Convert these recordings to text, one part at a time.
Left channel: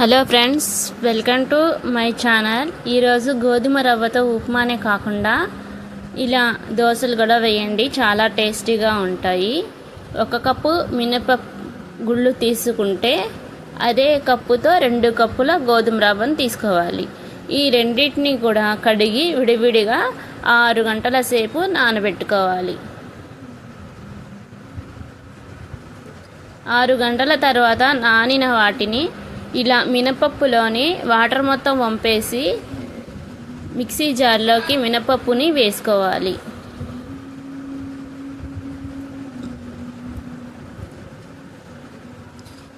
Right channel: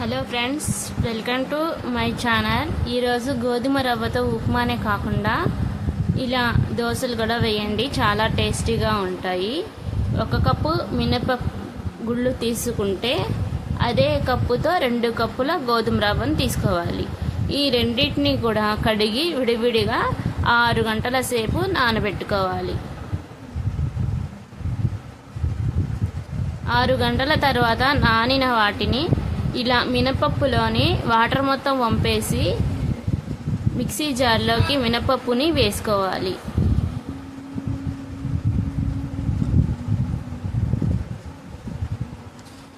Hello friends, welcome to my channel. ఈరోజు గోధుమ రవ్వతో ఉప్మానే కాకుండా ఇలా దోశలు కూడా వేయండి, చాలా టేస్టీగా ఉంటాయి. 1 కప్పు మినపప్పు గుళ్ళు తీసుకుంటే అదే కప్పుతో 2 కప్పుల గోధుమ రవ్వను తీసుకోవాలి. ఈ రెండింటిని కూడా కడిగి విడివిడిగా 6 గంటల సేపు నానబెట్టుకోవాలి. 6 గంటల తర్వాత నానిన వాటిని ఇలా మినపప్పులోని వాటర్ మొత్తం వంపేసి మిక్సీ జార్లోకి మినపప్పుని వేసుకోవాలి.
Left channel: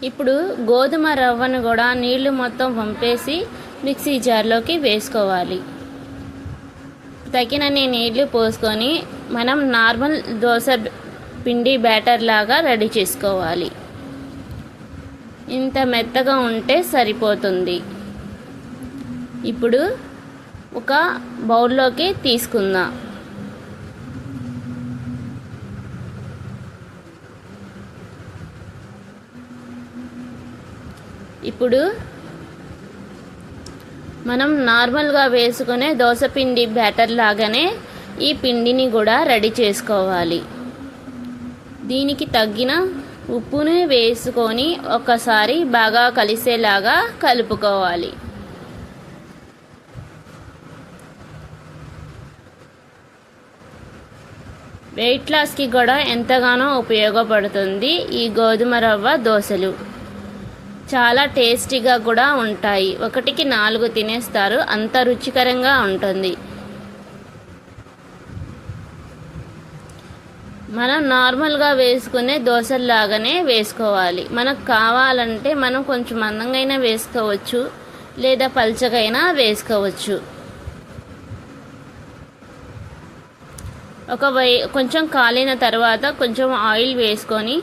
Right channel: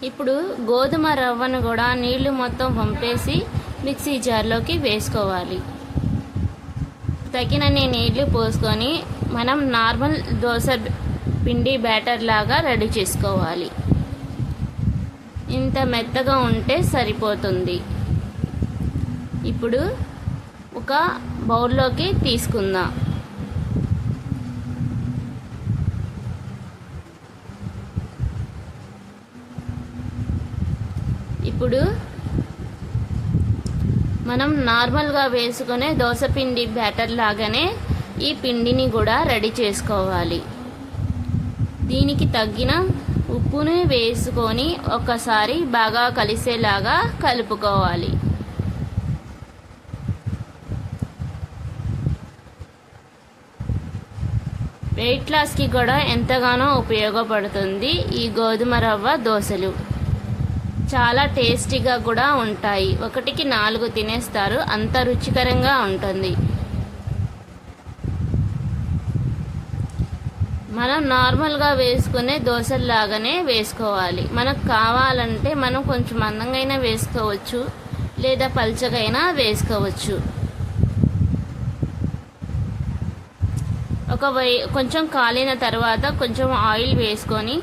ఇప్పుడు గోధుమ రవ్వను కూడా నీళ్లు మొత్తం వంపేసి మిక్సీ జార్లోకి వేసుకోవాలి. తగినన్ని నీళ్లు పోసుకొని మనం నార్మల్ దోశ పిండి బ్యాటర్ లాగా రెడీ చేసుకోవాలి. ఇంత మెత్తగా ఉంటే సరిపోతుంది. ఇప్పుడు ఒక బౌల్లోకి తీసుకుందాం. ఇప్పుడు మనం నార్మల్గా వేసుకునే దోసపిండి బ్యాటర్ లాగానే ఈ పిండిని కూడా రెడీ చేసుకోవాలి. దీనికి తగ్గిన ఉప్పుని వేసుకొని ఒకసారి బాగా కలిసేలాగా కలుపుకోవాలి. వెయిట్ లాస్కి కూడా ఎంతగానో ఉపయోగపడుతుంది ఈ గోధుమ రవ్వ దోశలు. చాలా టేస్టీగా కూడా ఉంటాయి. 1కి 4 తినేస్తారు, అంత రుచికరంగా ఉంటుంది. మనం నార్మల్గా వేసుకునే దోశల్లాగానే వేసుకోవాలి. మనకు కావాలంటే మనం కొంచెం మందంగా వేసుకోవచ్చు, లేదా పల్చగైనా వేసుకోవచ్చు. కొంచెం కాలిన తర్వాత కొంచెం ఆయిల్ వేసుకొని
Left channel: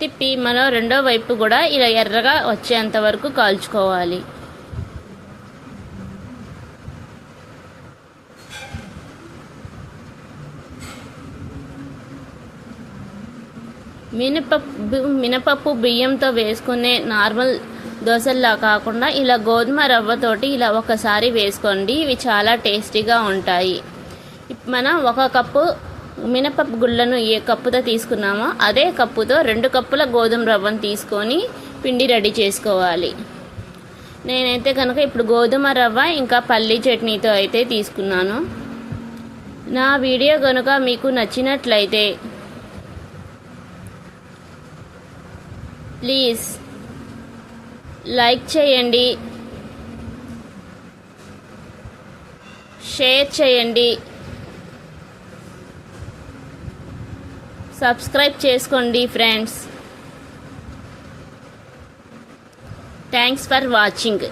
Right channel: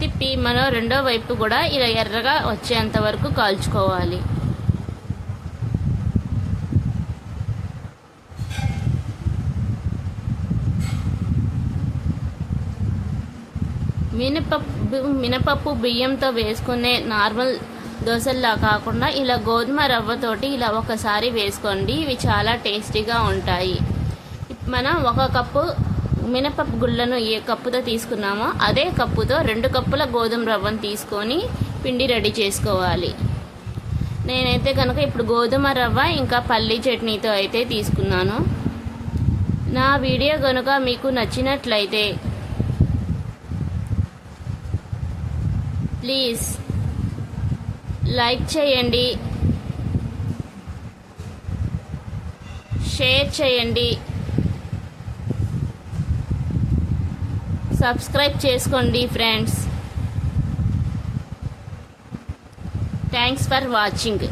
తిప్పి మనం రెండో వైపు కూడా ఇలా ఎర్రగా వచ్చేంత వరకు కాల్చుకోవాలి. మినపప్పు బియ్యంతో వేసుకునే నార్మల్ దోశల్లా కాకుండా ఇలా గోధుమ రవ్వతోటి ఇలా ఒకసారి వేసుకోండి. ఇవి చాలా టేస్టీగా ఉంటాయి. మనం 1 కప్పు మినపప్పు గుళ్ళను ఏ కప్పుతో తీసుకున్నామో అదే కప్పుతో 2 కప్పుల గోధుమ రవ్వను తీసుకొని పిండి రెడీ చేసుకోవాలి. నేనైతే కనుక ఇప్పుడు గోధుమ రవ్వ ఇంకా పల్లీ చట్నీతో అయితే తీసుకున్నాను. నా వీడియో కనుక మీకు నచ్చినట్లయితే ప్లీజ్ లైక్ చేయండి, షేర్ చేయండి, సబ్స్క్రైబ్ చేసుకోండి ఫ్రెండ్స్. Thanks for watching.